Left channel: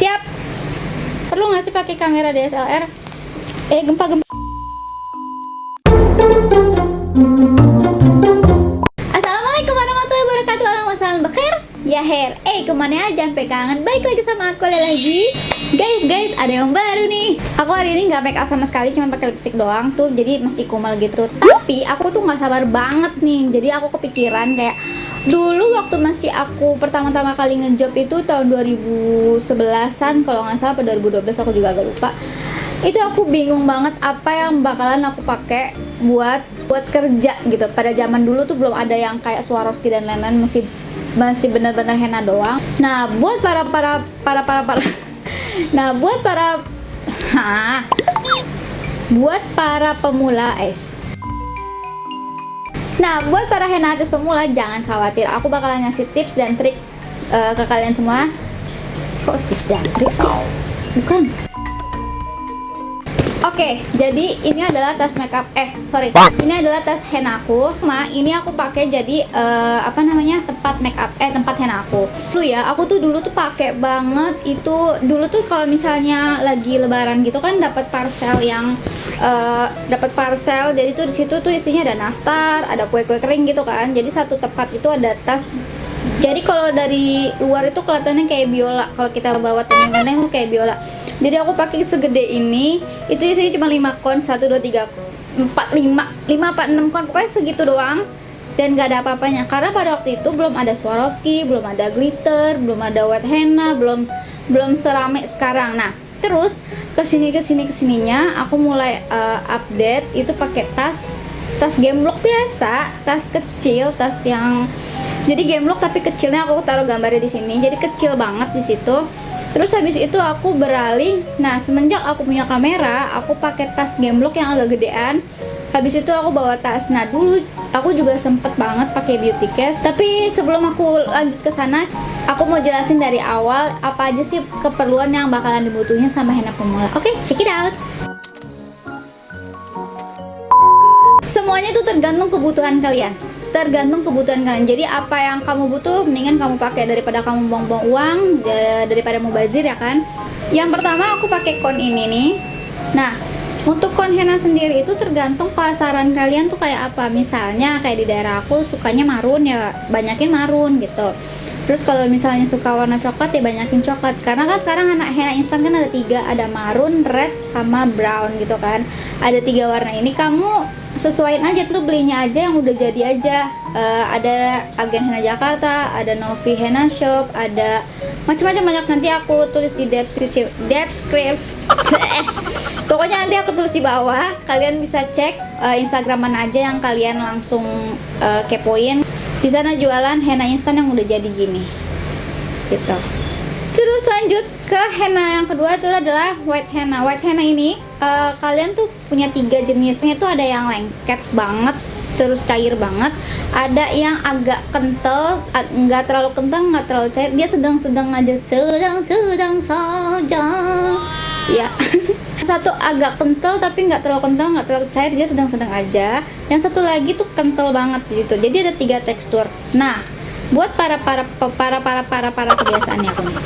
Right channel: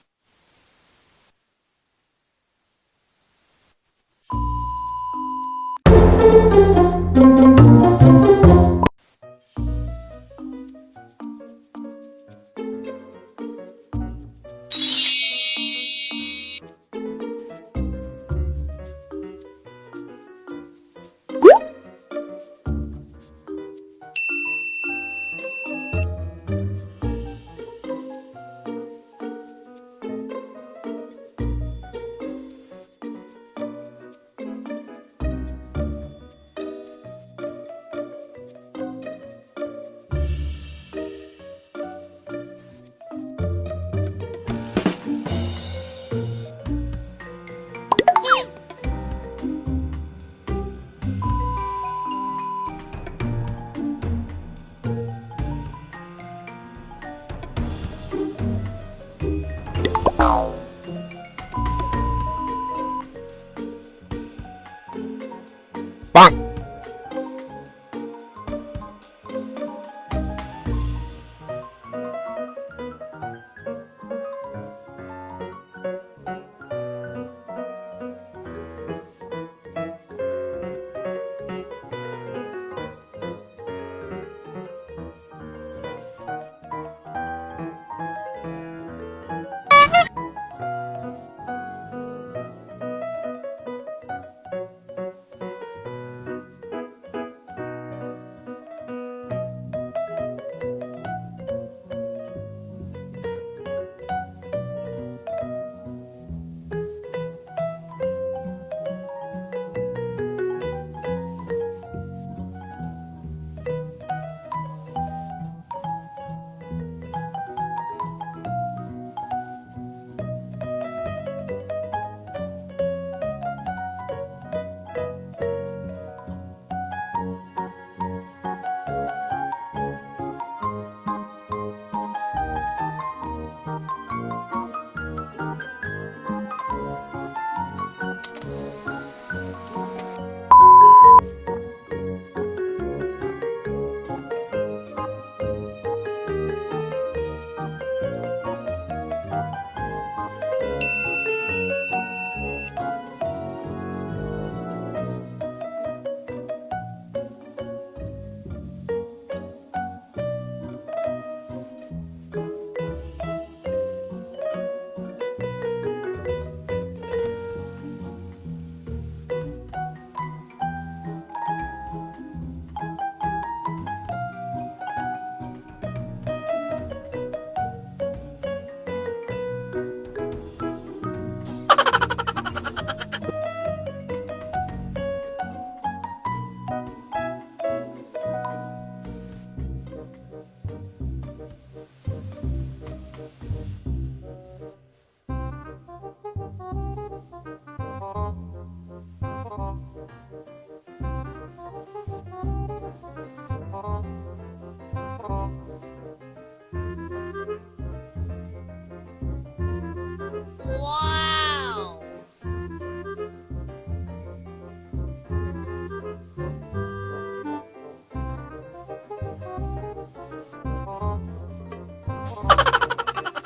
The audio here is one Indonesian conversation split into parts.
Siap. Perlu nggak sih pakai kamera DSLR? Gempa-gempa. Assalamualaikum warahmatullahi wabarakatuh. Orang masalah bakir. Ya Her. Kemana aja? Sampai kangen. Baik lagi sama aku lagi. Guys, ada yang baru nih. Aku hari ini nggak make up sama sekali, cuma pakai lipstick doang tuh. Jadi mesti kumal gitu. Tapi aku tuh nggak sabar banget nih. Jadi aku kepikiran kayak dulu waktu masih aku pertama-tama kali ngejob itu tahun 2011-an kalau nggak salah, atau 2012, aku juga agak lupa. Itu aku bingung banget apa yang bakalan aku pakai buat kerja gitu. Pada zaman dulu tuh belum ada yang kayak Swarovski dan lain-lain, masih benar-benar henna doang. Nah, buat para buat para pemula Nah, buat para henna artis pemula, jangan khawatir. Aku bakalan ngasih tips dan trik ke kalian semua. Kok tips dan trik sih? Bukan. Oke, jadi ini adalah tas makeup. Ini adalah tas henna aku. Ini aku pakai jadi tempat makeup, tempat henna aku. Aku tuh dulu tuh pakai banget itu. Dulu tuh kalau misalnya lagi lebaran gitu kan dapat parcel jadi tuh di situ tuh isinya ada nastar, ada kue-kue kering gitu kan. Jadi satu tempat itu ada tas. Jadi kalau dari luar itu kelihatannya kayak biola. Kalau kita bawa temen-temen itu kayak biola. Jadi aku pakai segede ini. Itu isinya cuma 5 kon, 1, 2, 3, 4, 5 apa 6 kon. Pokoknya segitu doang. Dan gak ada apa-apanya. Karena pada waktu itu belum ada Swarovski, belum ada glitter, belum ada wet henna, belum serame sekarang. Nah, terus kesininya aku mulai update itu pakai tas gemblok biasa, tas kecil, tas yang jadi gemblok tapi kecilnya. Aku taruh gambarnya di sini. Jadi kecil banget di situ. Terus habis itu aku beralih. Nah, semenjak aku punya kamera, aku pakai tas gemblok yang agak gedean. Habis itu aku bawa tas. Nah, dulu aku juga sempet banget pakai beauty case. Tapi sebelum aku lanjut ke sana, aku mau jelasin dari awal apa aja sih keperluan yang bakalan dibutuhin sama henna pemula. Oke, check it out. Semuanya tuh tergantung kebutuhan kalian. Jadi apa yang kamu butuh, mendingan kamu pakai daripada kamu buang-buang uang, daripada mubazir ya kan. Yang pertama aku pakai kon ini nih. Nah, untuk kon henna sendiri itu tergantung pasaran kalian tuh kayak apa. Misalnya kayak di daerah aku sukanya marun, ya banyakin marun gitu. Terus kalau misalnya suka warna coklat, ya banyakin coklat. Karena kan sekarang anak henna instan kan ada 3, ada marun, red, sama brown gitu kan. Ada 3 warna ini, kamu sesuaiin aja tuh, belinya aja yang udah jadi aja. Ada Agen Henna Jakarta, ada Novi Henna Shop, ada macam-macam banyak. Nanti aku tulis di deskripsi. Pokoknya nanti aku tulis di bawah. Kalian bisa cek Instagram mana aja yang kalian langsung kepoin. Di sana jualan henna instan yang udah jadi gini, gitu. Terus lanjut ke henna yang kedua, itu adalah white henna. White henna ini kalian tuh punya 3 jenisnya. Itu ada yang lengket banget, terus cair banget. Ada yang agak kental, nggak terlalu kental, nggak terlalu cair. Dia sedang-sedang aja, sedang saja. Ya. Satu agak kental tapi nggak terlalu kental, nggak terlalu cair, dia sedang-sedang aja. Yang satu lagi tuh kental banget gitu. Jadi ada 3 tekstur. Nah, buat para kebiasaannya aku nih.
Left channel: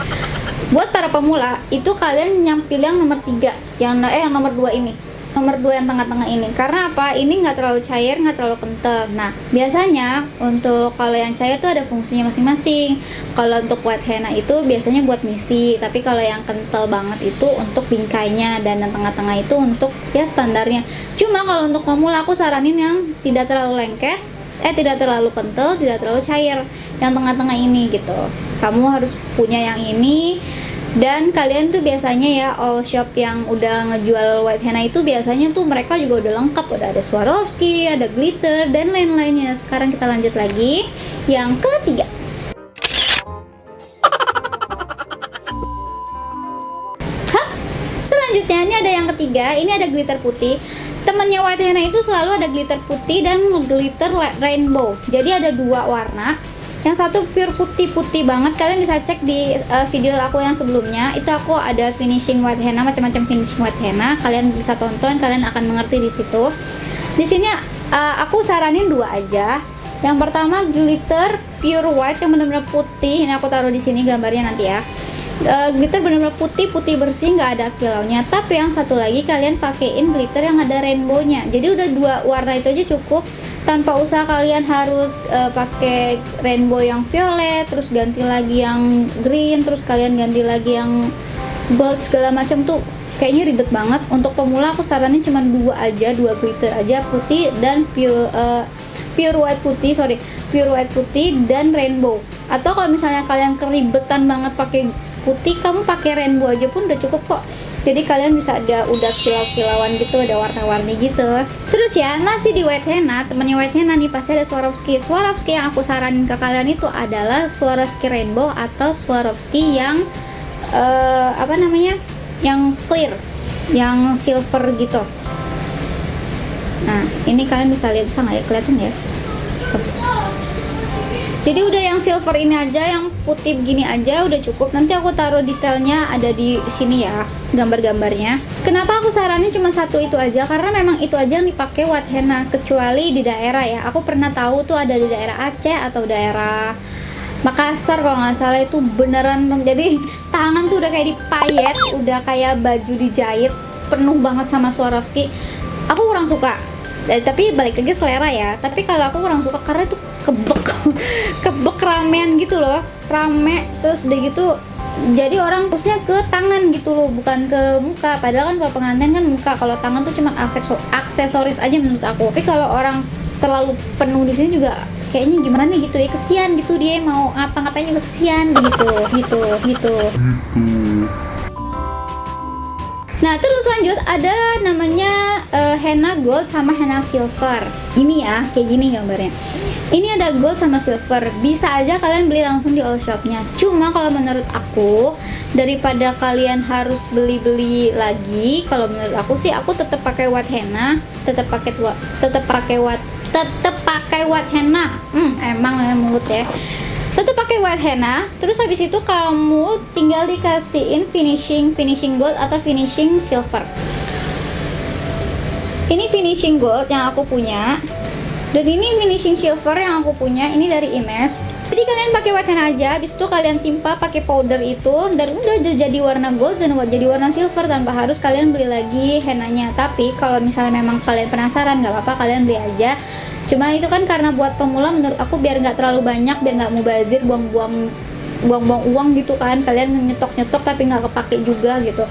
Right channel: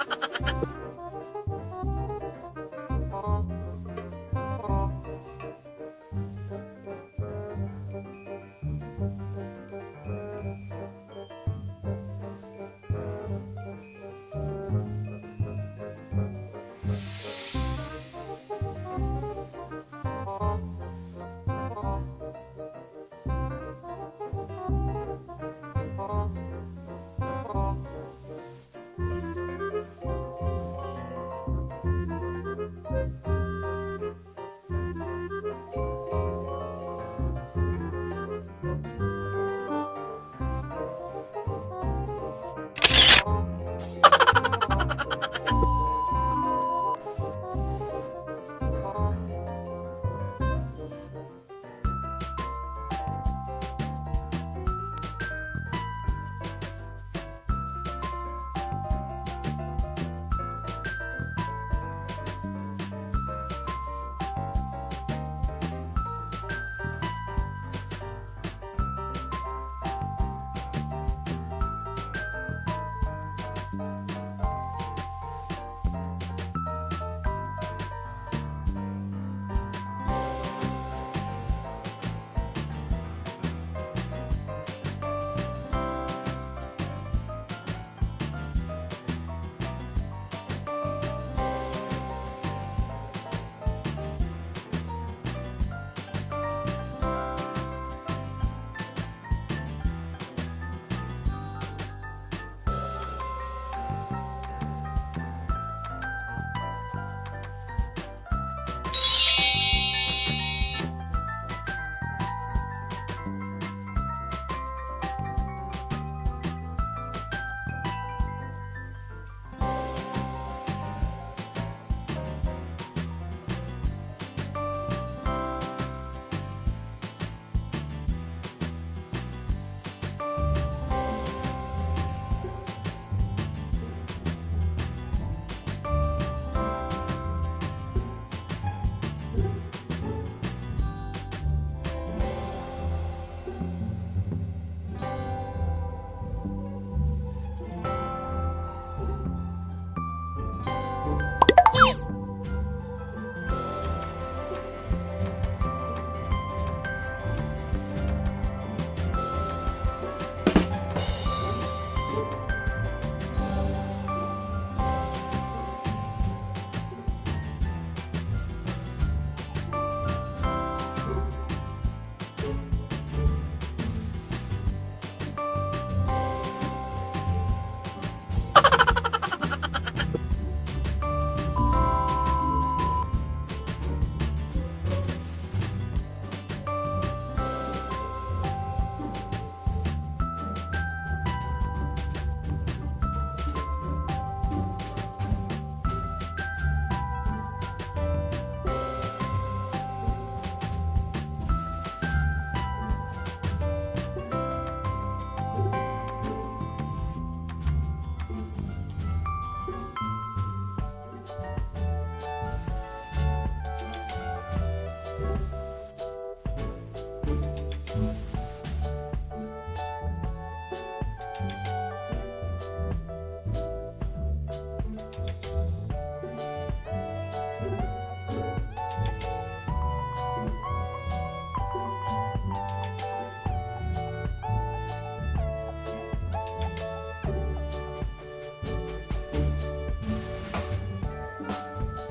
Buat para pemula itu kalian pilih yang nomor 3, yang nomor 2 ini. Nomor 2 yang tengah-tengah ini. Karena apa? Ini nggak terlalu cair, nggak terlalu kental. Nah, biasanya untuk kalau yang cair tuh ada fungsinya masing-masing. Kalau untuk white henna itu biasanya buat misi, tapi kalau yang kental banget itu untuk bingkainya, dan yang tengah-tengah itu untuk ya standarnya. Cuma kalau untuk pemula aku saranin yang tidak terlalu lengket, tidak terlalu kental, tidak terlalu cair, yang tengah-tengah ini gitu. Kamu harus punya yang ini. Dan kalian tuh biasanya ya, all shop yang udah ngejual white henna itu biasanya tuh mereka juga udah lengkap, udah ada Swarovski, ada glitter, dan lain-lainnya. Sekarang kita lanjut lagi yang ketiga. Selanjutnya ini ada yang ketiga, ini ada glitter putih. Temennya white henna itu selalu ada glitter putih dan glitter rainbow. Jadi ada 2 warna. Yang satu pure putih banget. Kalian bisa cek di video aku yang sebelumnya. Itu aku ada finishing white henna, macam-macam finishing white henna. Kalian bisa tonton, kalian akan mengerti di situ. Di sini aku saranin 2 aja. Yang pertama glitter pure white yang benar-benar putih. Ini aku taruh di sini gambarnya nanti ya. glitter benar-benar putih bersih, nggak ada kilaunya. Tapi yang satu lagi kalian pakein glitter yang ada rainbow-nya, jadi udah 2 warna itu aja cukup, tanpa usah kalian harus pakai rainbow yang violet, terus ganti lagi yang green, terus kalian ganti lagi yang gold segala macam tuh kayaknya ribet banget. Untuk pemula aku saranin cuma 2 glitter aja, putih dan pure white putih dan rainbow. Atau kalau misalnya kalian keribetan banget pakai putih, kamu pakai rainbow aja pun udah cukup kok. Jadi kalian bisa udah kilau-kilauan gitu, ada warna-warni gitu. Terus ya, masih di white henna, temennya white henna nih pasti ada Swarovski. Swarovski yang aku saranin ke kalian itu adalah Swarovski rainbow atau Swarovski yang yang clear, yang silver gitu. Nah, ini kalian bisa lihat, bisa nggak ya, kelihatan ya? Jadi udah yang silver ini aja, yang putih begini aja udah cukup. Nanti aku taruh detailnya ada di sini ya, gambar-gambarnya. Kenapa aku saranin cuma satu itu aja? Karena memang itu aja yang dipakai white henna, kecuali di daerah ya. Aku pernah tahu tuh ada di daerah Aceh atau daerah Makassar kalau nggak salah, itu beneran jadi tangan tuh udah kayak dipayet, udah kayak baju dijahit, penuh banget sama Swarovski. Aku kurang suka. Tapi balik lagi selera ya. Tapi kalau aku kurang suka karena itu kebek ramean gitu loh, rame, terus udah gitu jadi orang fokusnya ke tangan gitu loh, bukan ke muka. Padahal kan kalau pengantin kan muka, kalau tangan tuh cuma aksesoris aja menurut aku. Tapi kalau orang terlalu penuh di sini juga kayaknya gimana nih gitu ya, kesian gitu, dia mau ngapa-ngapain juga kesian gitu. Nah, terus lanjut ada namanya henna gold sama henna silver. Ini ya, kayak gini gambarnya. Ini ada gold sama silver. Bisa aja kalian beli langsung di all shopnya. Cuma kalau menurut aku, daripada kalian harus beli-beli lagi, kalau menurut aku sih aku tetap pakai white henna, tetap pakai white henna. Emang ya mulut ya. Tetap pakai white henna, terus habis itu kamu tinggal dikasihin finishing gold atau finishing silver. Ini finishing gold yang aku punya, dan ini finishing silver yang aku punya, ini dari Ines. Jadi kalian pakai white henna aja, habis itu kalian timpa pakai powder itu, dan udah jadi warna gold dan jadi warna silver tanpa harus kalian beli lagi hennanya. Tapi kalau misalnya memang kalian penasaran, nggak apa-apa, kalian beli aja. Cuma itu kan karena buat pemula menurut aku, biar nggak terlalu banyak, biar nggak mubazir, buang-buang uang gitu kan, kalian nyetok tapi nggak kepake juga gitu.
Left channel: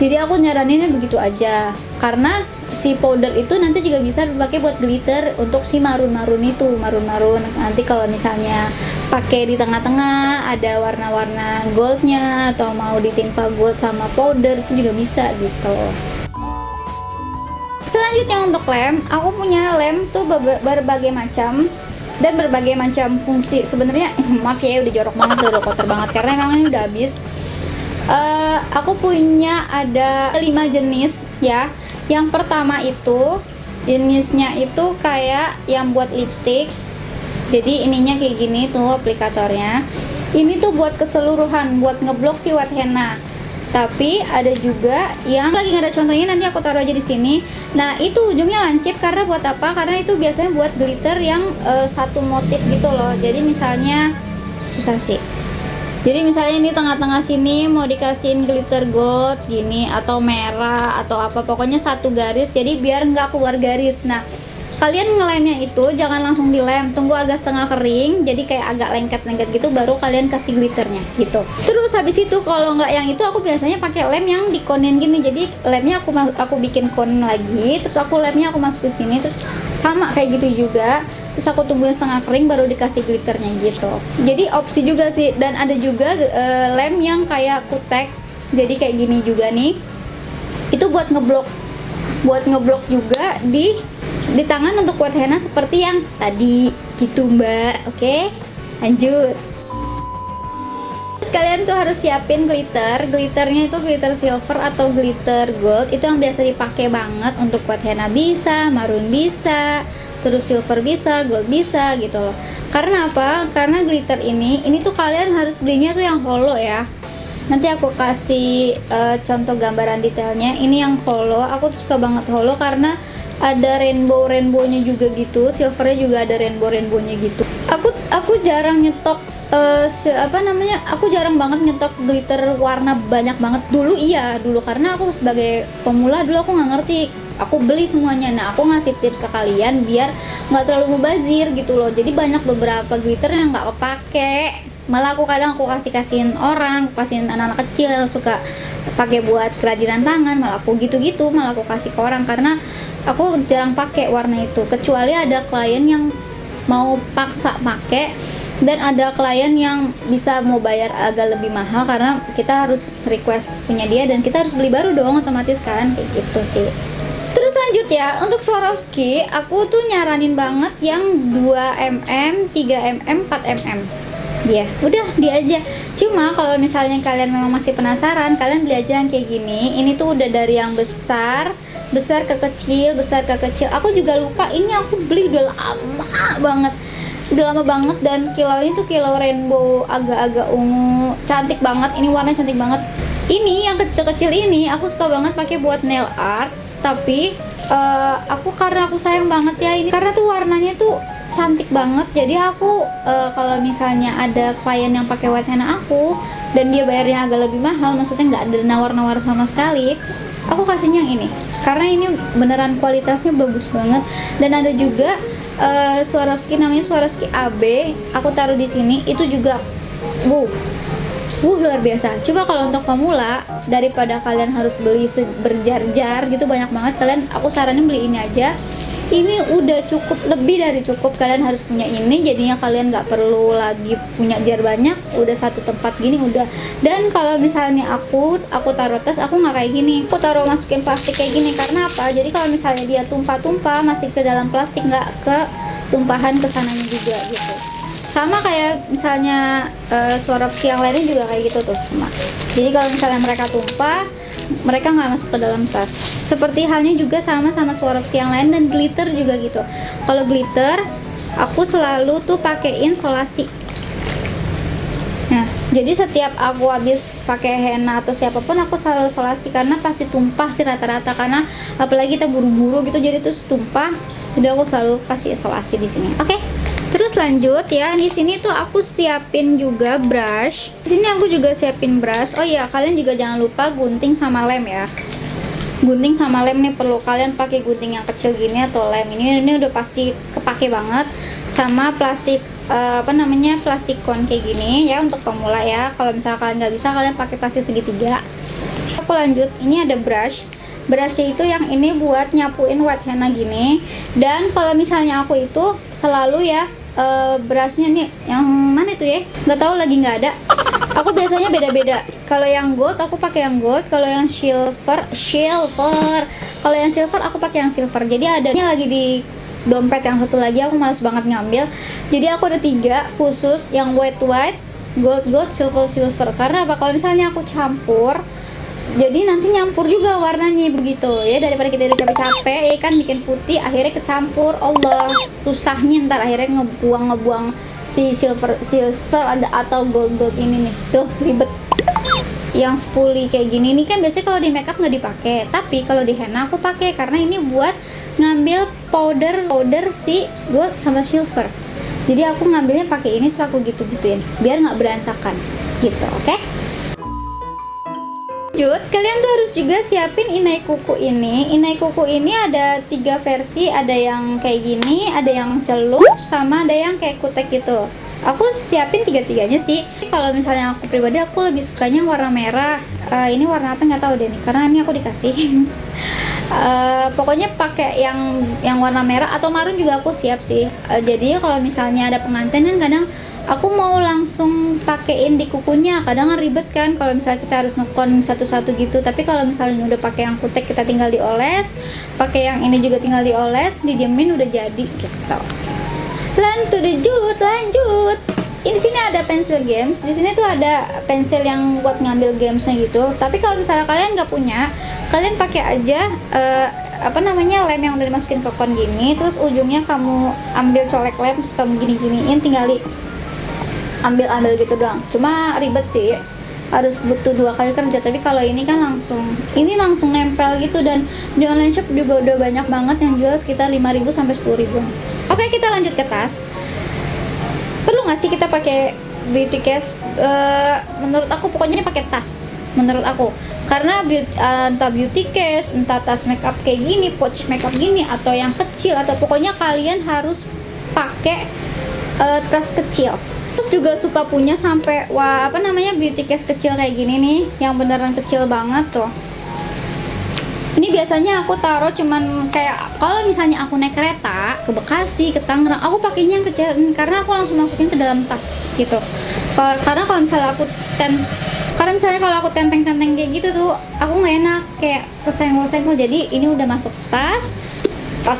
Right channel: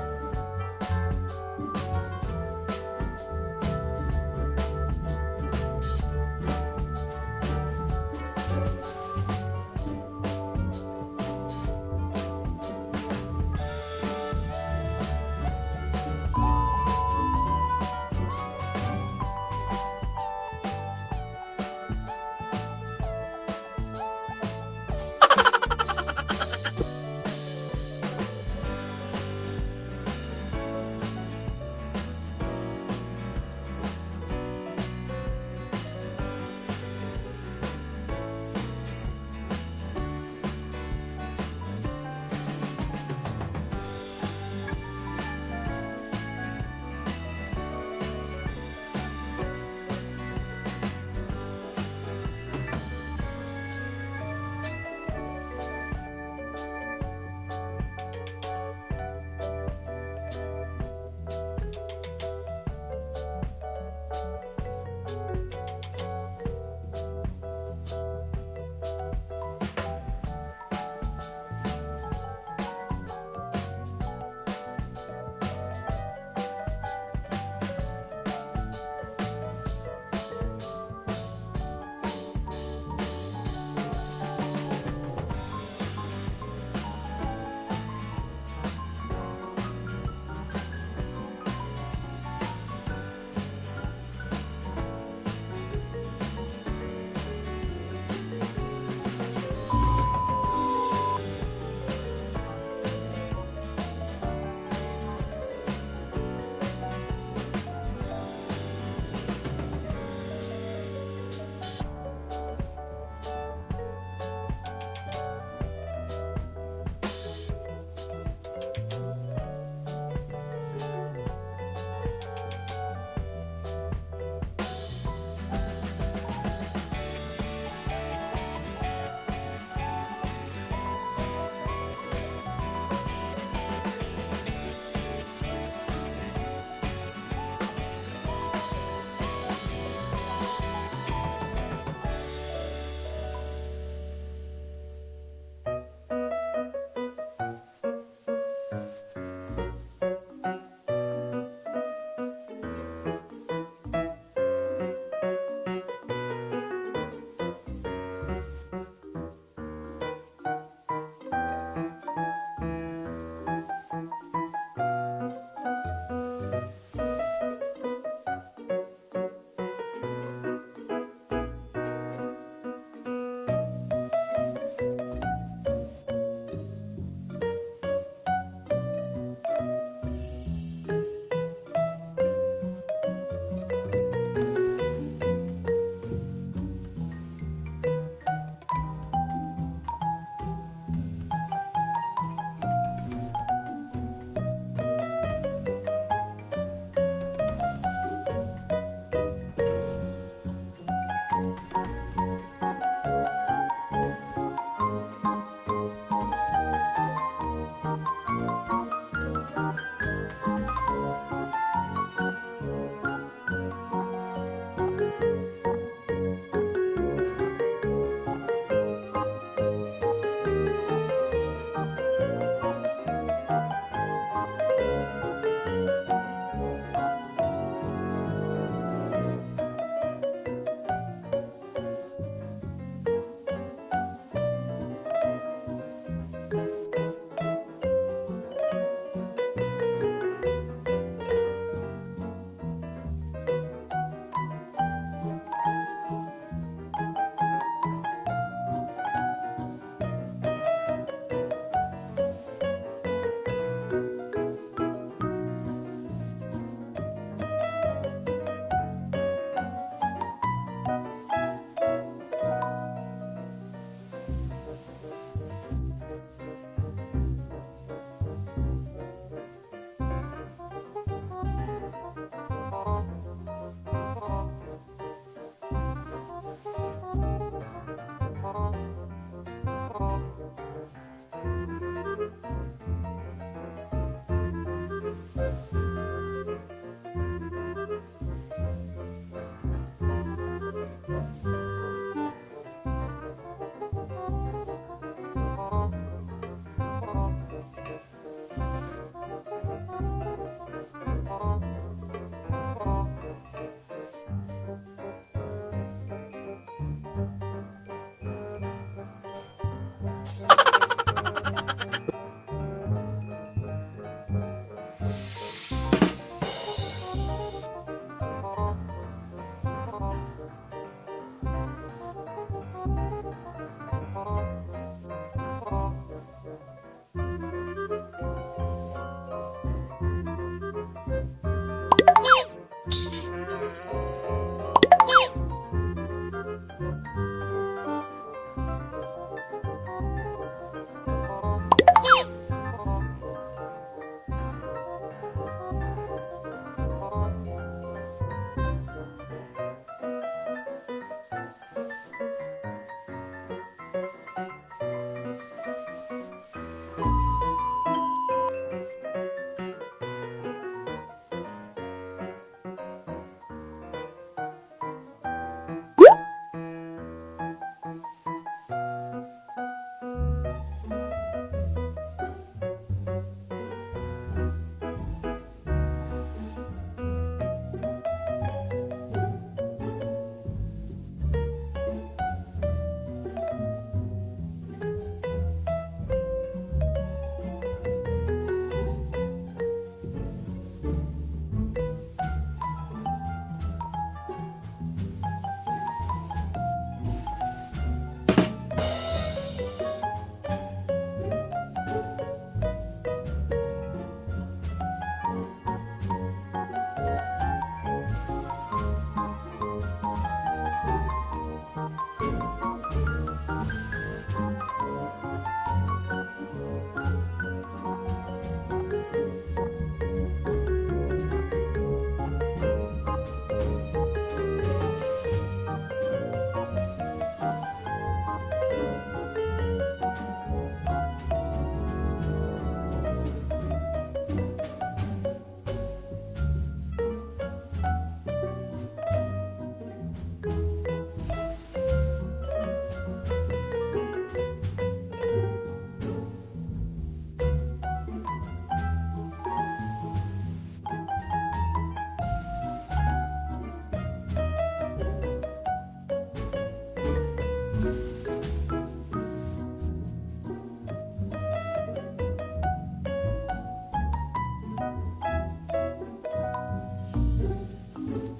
Jadi aku nyaraninnya begitu aja, karena si powder itu nanti juga bisa dipakai buat glitter untuk si marun nanti kalau misalnya pakai di tengah-tengah ada warna-warna goldnya, atau mau ditimpa gold sama powder itu juga bisa gitu. Selanjutnya untuk lem, aku punya lem tuh berbagai macam dan berbagai macam fungsi. Sebenarnya maaf ya, udah jorok banget, udah kotor banget karena memang ini udah habis. Aku punya ada 5 jenis ya. Yang pertama itu jenisnya itu kayak yang buat lipstick. Jadi ininya kayak gini tuh aplikatornya. Ini tuh buat keseluruhan, buat ngeblok si white henna. Tapi ada juga yang lagi nggak ada contohnya, nanti aku taruh aja di sini. Nah, itu ujungnya lancip karena buat apa? Karena itu biasanya buat glitter yang satu motif gitu loh. Jadi misalnya susah sih. Jadi misalnya ini tengah-tengah sini mau dikasihin glitter gold gini, atau merah atau apa, pokoknya satu garis. Jadi biar nggak keluar garis. Nah, kalian ngelemnya itu jangan langsung dilem, tunggu agak setengah kering, jadi kayak agak lengket-lengket gitu, baru kalian kasih glitternya gitu. Terus habis itu kalau nggak yang itu, aku biasanya pakai lem yang dikonin gini. Jadi lemnya aku bikin kon lagi, terus lemnya aku masukin sini, terus sama kayak gitu juga. Terus aku tungguin setengah kering baru dikasih glitternya gitu. Jadi opsi juga sih. Dan ada juga lem yang kayak kutek, jadi kayak gini juga nih. Itu buat ngeblok juga di tangan untuk white henna seperti yang tadi gitu mbak. Oke, lanjut. Kalian tuh harus siapin glitternya itu glitter silver atau glitter gold, itu yang biasa dipakai banget untuk white henna. Bisa marun, bisa terus silver, bisa gold, bisa gitu loh. Karena apa? Karena glitter ini tuh kalian harus belinya tuh yang hollow ya. Nanti aku kasih contoh gambaran detailnya. Ini yang hollow, aku tuh suka banget hollow karena ada rainbow-nya juga gitu, silvernya juga ada rainbow-nya gitu. Aku jarang nyetok aku jarang banget nyetok glitter warna banyak banget. Dulu karena aku sebagai pemula dulu aku nggak ngerti, aku beli semuanya. Nah, aku ngasih tips ke kalian biar nggak terlalu mubazir gitu loh. Jadi banyak beberapa glitter yang nggak kepake, malah aku kadang kasihin orang, kasihin anak-anak kecil yang suka pakai buat kerajinan tangan, malah aku malah aku kasih ke orang karena aku jarang pakai warna itu, kecuali ada klien yang mau paksa pakai, dan ada klien yang bisa mau bayar agak lebih mahal karena kita harus request punya dia dan kita harus beli baru dong otomatis kan, kayak gitu sih. Terus lanjut ya, untuk Swarovski aku tuh nyaranin banget yang 2mm, 3mm, 4mm. Ya, udah dia aja. Cuma kalau misalnya kalian memang masih penasaran, kalian beli aja yang kayak gini. Ini tuh udah dari yang besar ke kecil, besar ke kecil. Aku juga lupa, ini aku beli udah lama banget dan kilaunya tuh kilau rainbow agak-agak ungu, cantik banget. Ini warnanya cantik banget. Ini yang kecil-kecil ini aku suka banget pakai buat nail art, tapi karena aku sayang banget ya ini karena tuh warnanya tuh cantik banget. Jadi aku kalau misalnya ada klien yang pakai white henna aku dan dia bayarnya agak lebih mahal, maksudnya nggak ada nawar-nawar sama sekali, aku kasihnya yang ini karena ini beneran kualitasnya bagus banget. Dan ada juga Swarovski, namanya Swarovski AB, aku taruh di sini. Itu juga luar biasa. Coba kalau untuk pemula, daripada kalian harus beli berjar-jar gitu banyak banget, aku saranin beli ini aja. Ini udah cukup, lebih dari cukup. Kalian harus punya ini, jadinya kalian nggak perlu lagi punya jar banyak, udah satu tempat gini udah. Dan kalau misalnya aku taruh tas, aku nggak kayak gini, aku taruh masukin plastik kayak gini. Karena apa? Jadi kalau misalnya dia tumpah-tumpah masih ke dalam plastik, nggak ke tumpahan kesananya juga gitu. Sama kayak misalnya Swarovski yang lainnya juga kayak gitu tuh sama. Jadi kalau misalnya mereka tumpah, mereka nggak masuk ke dalam tas. Seperti halnya juga sama Swarovski yang lain, dan glitter juga gitu. Kalau glitter aku selalu tuh pakein solasi. Nah, jadi setiap aku habis pakai henna atau siapapun aku selalu solasi karena pasti tumpah sih rata-rata, karena apalagi kita buru-buru gitu jadi terus tumpah. Jadi aku selalu kasih solasi di sini. Oke. Terus lanjut ya, di sini tuh aku siapin juga brush. Di sini aku juga siapin brush. Oh iya, kalian juga jangan lupa gunting sama lem ya. Gunting sama lem nih perlu, kalian pakai gunting yang kecil gini atau lem ini udah pasti kepake banget. Sama plastik plastik kon kayak gini ya untuk pemula ya. Kalau misalnya kalian nggak bisa, kalian pakai plastik segitiga. Aku lanjut, ini ada brushnya itu yang ini buat nyapuin white henna gini. Dan kalau misalnya aku itu selalu ya brushnya nih yang mana itu ya, nggak tahu lagi, nggak ada. Aku biasanya beda-beda. Kalau yang gold aku pakai yang gold, kalau yang silver kalau yang silver aku pakai yang silver. Jadi adanya lagi di dompet yang satu lagi, aku males banget ngambil. Jadi aku ada 3 khusus, yang white, gold, silver. Karena apa? Kalau misalnya aku campur, jadi nanti nyampur juga warnanya begitu ya, daripada kita udah capek-capek ya kan bikin putih akhirnya kecampur. Allah, susahnya ntar akhirnya ngebuang si silver atau gold ini nih, tuh ribet. Yang spoolie kayak gini nih kan biasanya kalau di makeup nggak dipakai, tapi kalau di henna aku pakai karena ini buat ngambil powder si gold sama silver. Jadi aku ngambilnya pakai ini, terus aku gitu-gituin biar nggak berantakan gitu. Oke? Lanjut, kalian tuh harus juga siapin inai kuku ini. Inai kuku ini ada 3 versi, ada yang kayak gini, ada yang celup, sama ada yang kayak kutek gitu. Aku siapin 3-tiganya sih. Kalau misalnya aku pribadi, aku lebih sukanya warna merah. Ini warna apa nggak tahu deh nih, karena ini aku dikasih. Pokoknya pakai yang warna merah atau marun juga aku siap sih. Jadi kalau misalnya ada pengantin kan kadang aku mau langsung pakein di kukunya, kadang ribet kan kalau misalnya kita harus ngekon satu-satu gitu. Tapi kalau misalnya udah pakai yang kutek, kita tinggal dioles, pakai yang ini juga tinggal dioles, didiemin udah jadi gitu. Lanjut. Di sini ada pensil games. Di sini tuh ada pensil yang buat ngambil gamesnya gitu. Tapi kalau misalnya kalian nggak punya, kalian pakai aja lem yang udah dimasukin ke kon gini, terus ujungnya kamu ambil colek lem, terus kamu gini-giniin, tinggal ambil gitu doang. Cuma ribet sih, harus butuh 2 kali kerja. Tapi kalau ini kan langsung nempel gitu, dan di online shop juga udah banyak banget yang jual sekitar 5.000 sampai 10.000. Oke, kita lanjut ke tas. nggak sih kita pakai beauty case? Menurut aku pokoknya pakai tas, menurut aku, karena entah beauty case, entah tas makeup kayak gini, pouch makeup gini, atau yang kecil, atau pokoknya kalian harus pakai tas kecil. Terus juga suka punya sampai beauty case kecil kayak gini nih, yang beneran kecil banget tuh. Ini biasanya aku taruh cuman kayak kalau misalnya aku naik kereta ke Bekasi, ke Tangerang, aku pakainya yang kecil karena aku langsung masukin ke dalam tas gitu. Karena kalau misalnya kalau aku tenteng-tenteng kayak gitu tuh, aku nggak enak, kayak kesenggol-senggol. Jadi ini udah masuk tas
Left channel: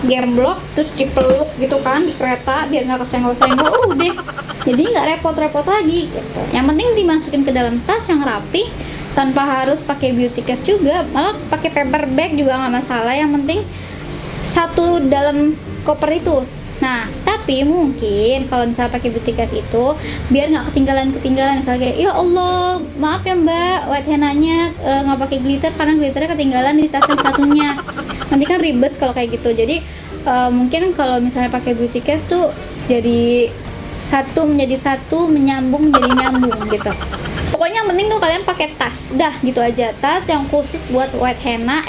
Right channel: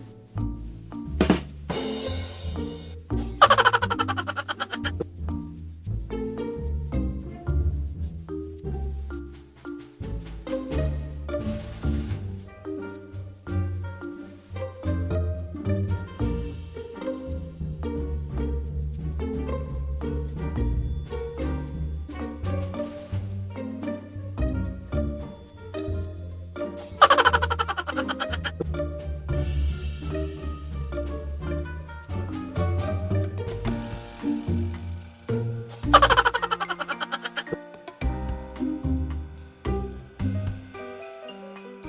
gemblok, terus dipeluk gitu kan di kereta biar nggak kesenggol-senggol, udah. Jadi nggak repot-repot lagi gitu. Yang penting dimasukin ke dalam tas yang rapi, tanpa harus pakai beauty case juga, malah pakai paper bag juga nggak masalah, yang penting satu dalam koper itu. Nah, tapi mungkin kalau misalnya pakai beauty case itu biar nggak ketinggalan, misalnya kayak ya Allah maaf ya mbak, white henna-nya nggak pakai glitter karena glitternya ketinggalan di tas yang satunya, nanti kan ribet kalau kayak gitu. Jadi mungkin kalau misalnya pakai beauty case tuh jadi satu menjadi satu, menyambung jadi nyambung gitu. Pokoknya yang penting tuh kalian pakai tas, udah gitu aja. Tas yang khusus buat white henna,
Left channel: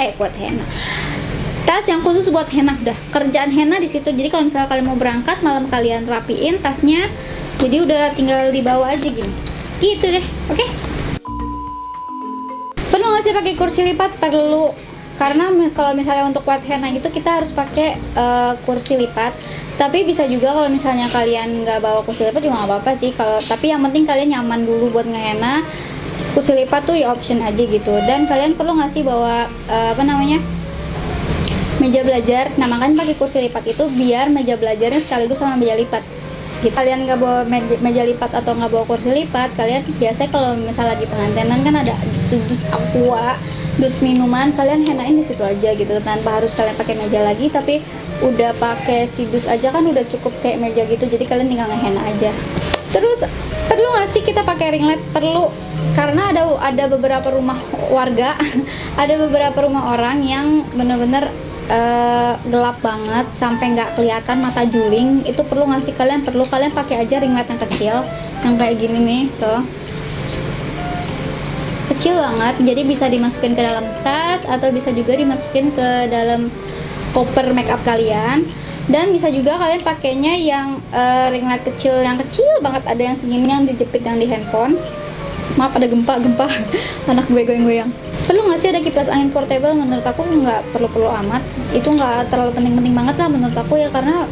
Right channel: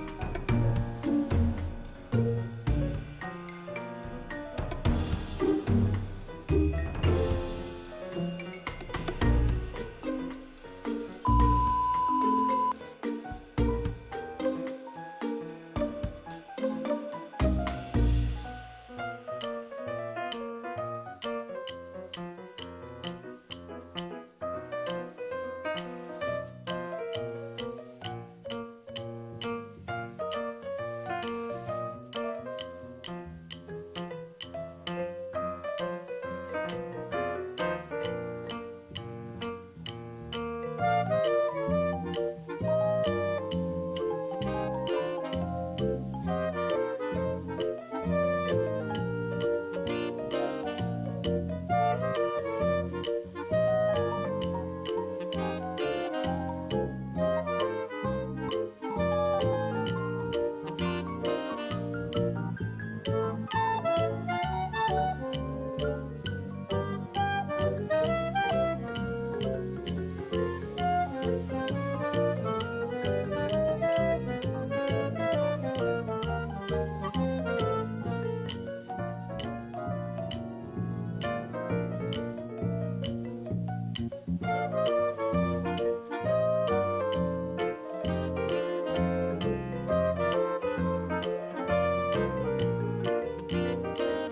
tas yang khusus buat henna, udah kerjaan henna di situ. Jadi kalau misalnya kalian mau berangkat malam, kalian rapiin tasnya, jadi udah tinggal dibawa aja gitu deh. Oke? Perlu nggak sih pakai kursi lipat? Perlu, karena kalau misalnya untuk white henna gitu kita harus pakai kursi lipat. Tapi bisa juga kalau misalnya kalian nggak bawa kursi lipat juga nggak apa-apa sih. Tapi yang penting kalian nyaman dulu buat ngehenna. Kursi lipat tuh ya option aja gitu. Dan kalian perlu nggak sih bawa meja belajar. Nah, makanya pakai kursi lipat itu biar meja belajarnya sekaligus sama meja lipat gitu. Kalian nggak bawa meja lipat atau nggak bawa kursi lipat, kalian biasanya kalau misalnya lagi pengantinan kan ada dus aqua, dus minuman, kalian hennain di situ aja gitu, tanpa harus kalian pakai meja lagi. Tapi udah pakai si dus aja kan udah cukup kayak meja gitu, jadi kalian tinggal ngehenna aja. Terus perlu nggak sih kita pakai ring light? Perlu, karena ada beberapa rumah warga ada beberapa rumah orang yang bener-bener gelap banget sampai nggak kelihatan, mata juling. Itu perlu nggak sih kalian? Perlu, kalian pakai aja ring light yang kecil, yang kayak gini nih tuh, kecil banget. Jadi bisa dimasukin ke dalam tas atau bisa juga dimasukin ke dalam koper makeup kalian. Dan bisa juga kalian pakainya yang ring light kecil, yang kecil banget, ada yang segini yang dijepit yang di handphone. Maaf ada gempa anak gue goyang-goyang. Perlu nggak sih ada kipas angin portable? Menurut aku nggak perlu amat, itu nggak terlalu penting-penting banget lah menurut aku ya, karena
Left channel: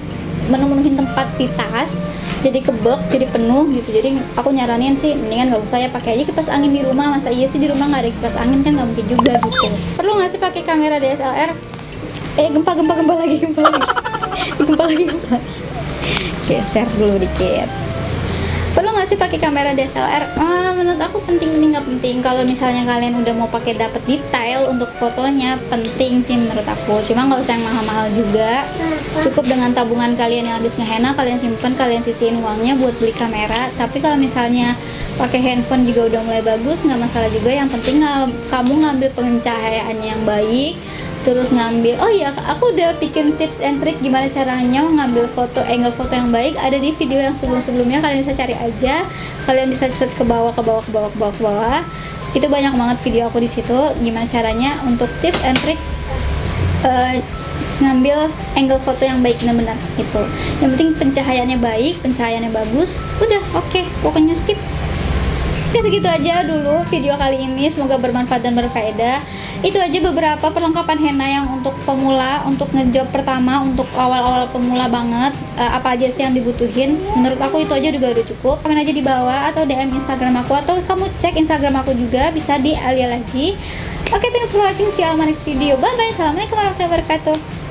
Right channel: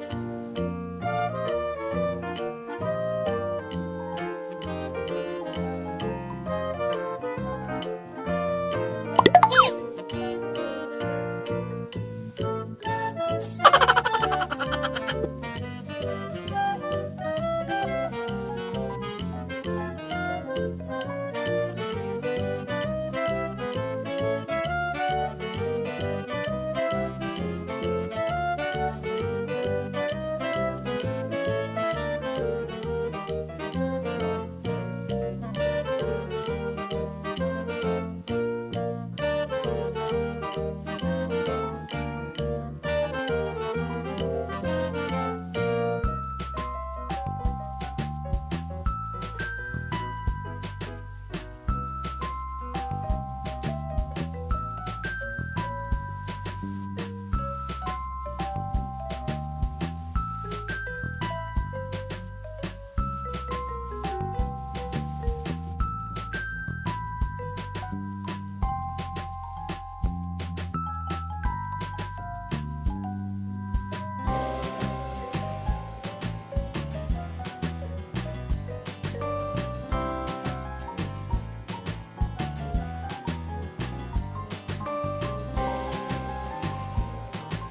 menuhin tempat di tas jadi kebek, jadi penuh gitu. Jadi aku nyaranin sih mendingan nggak usah ya, pakai aja kipas angin di rumah. Masa iya sih di rumah nggak ada kipas angin? Kan nggak mungkin juga gitu. Perlu nggak sih pakai kamera DSLR? Gempa lagi. Geser dulu dikit. Perlu nggak sih pakai kamera DSLR? Menurut aku penting, ini nggak penting. Kalau misalnya kalian udah mau pakai dapet detail untuk fotonya, penting sih menurut aku. Cuma nggak usah yang mahal-mahal juga. Cukup dengan tabungan kalian yang habis ngehenna, kalian simpan, kalian sisihin uangnya buat beli kamera. Tapi kalau misalnya pakai handphone juga udah mulai bagus, nggak masalah juga. Yang penting kamu ngambil pencahayaan yang baik. Terus ngambil, aku udah bikin tips and trick gimana caranya ngambil angle foto yang baik, ada di video yang sebelumnya, kalian bisa cari aja, kalian bisa search ke bawah, itu banyak banget video aku di situ gimana caranya untuk tips and trick ngambil angle foto yang baik benar-benar gitu. Yang penting pencahayaannya baik, pencahayaannya bagus, udah oke, pokoknya sip. Oke, segitu aja dulu video kali ini, semoga bermanfaat dan berfaedah. Itu aja beberapa perlengkapan henna yang untuk pemula, untuk ngejob pertama, untuk awal-awal pemula banget. Apa aja sih yang dibutuhin? Menurut aku itu aja juga udah cukup. Komen aja di bawah atau DM Instagram aku, atau kamu cek Instagram aku juga, bisa di Alia Laji. Oke, thanks for watching, see you on my next video. Bye bye, assalamualaikum warahmatullahi wabarakatuh.